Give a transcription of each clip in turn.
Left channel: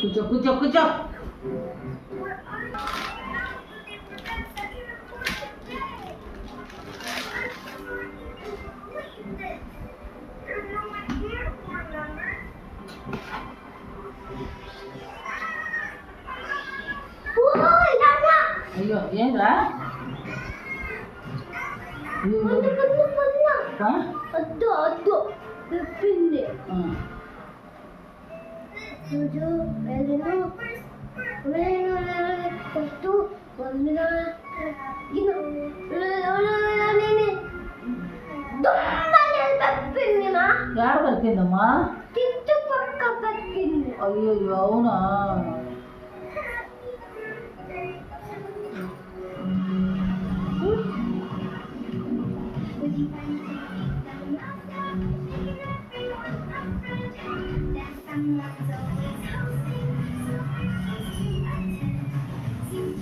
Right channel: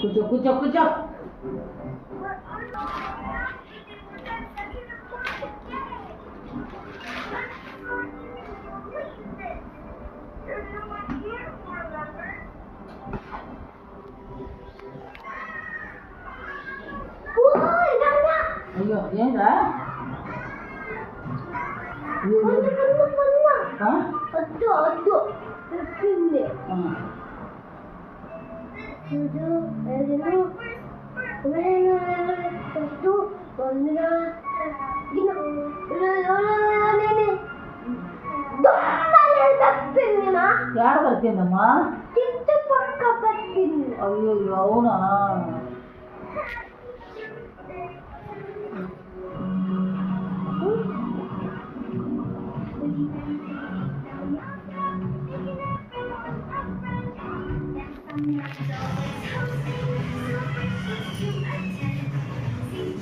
కూర్చో కూర్చో కూర్చో. అయ్యో ఏంరా వద్దు వద్దు చెప్పింది యాడ కరిపిందమ్మా? తిట్టు పక్క పెట్టింది. అయ్యో అవునా?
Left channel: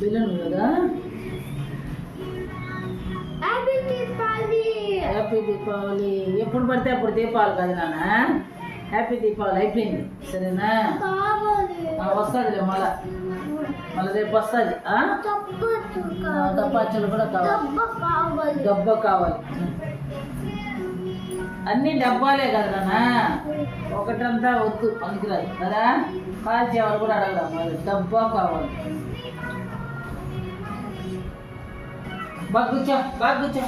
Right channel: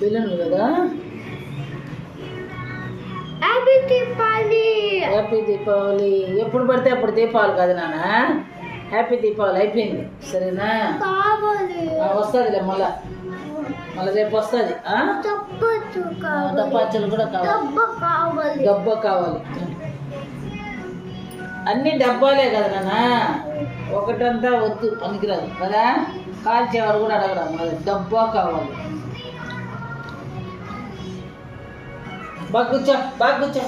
పిల్లలు కదా. హ్యాపీ దీపావళి. హ్యాపీ దీపావళి. ఎప్పుడు పడితే అప్పుడు దీపావళి కాదు నాన్న. హ్యాపీ దీపావళి అయిపోయింది సరేనా? కావాలి వస్తుందిలే మళ్ళా రేపు వస్తుంది. డబ్బాచ్చలు కూడా కావాలి. డబ్బా కావాలి. అన్ని డబ్బాలే కదా నాన్న, ఒకటంతా వద్దు పనికిరాదు కదా. కాల్చేవారు కూడా అడగడం అది డబ్బా కావాలి. బాగా కూర్చో బాగా కూర్చో.